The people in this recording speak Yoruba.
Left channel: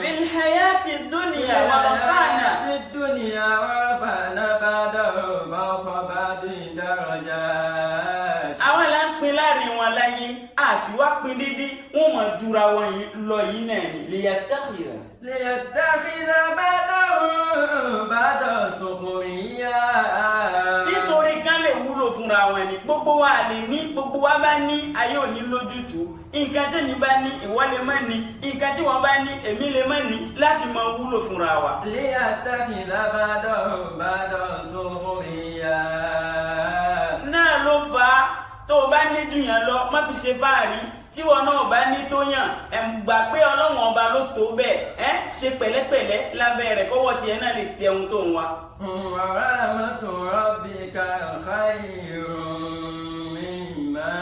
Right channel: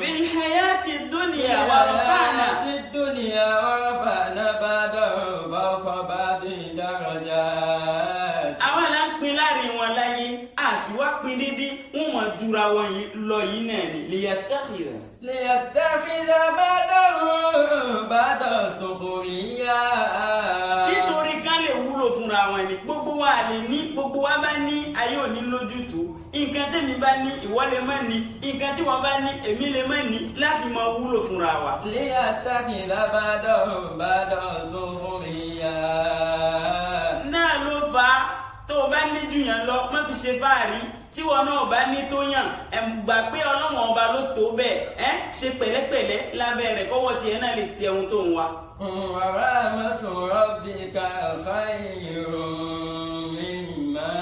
في الحياة الدنيا ورفعنا بعضهم فوق بعض درجات. àwọn là ń pín láàrin wọn láyé a sì wá pín dídí wọn mọ jura wọn lọ yìí náà ni ليتخذ بعضهم بعضا سخريا. nítorí ká lè wúlò fúnra wọn ni gbogbo wa lè ní gbogbo wa bá ní ayé òní lójútùú nǹkan tẹ́mi bá ní ìwọ lè má ní nǹkan tí wọ́n bá ní èmi lè má ní láti máa wúlò fúnra wa. ليتخذ بعضهم بعضا سخريا. náà ló fà á tó o bá ní jù yàn lọ má fi ṣe fáàrí tí wọn náà bá ní tó yàn gbà pé ọlọ́wọ́n ọba ló tó bẹ́ẹ̀ ṣe pẹ̀lẹ́pẹ̀lẹ́ lábẹ́ rẹ̀ kọ́wọ́ tiẹ̀ náà lè tẹ ohun tó ń wá. ورحمة ربك خير مما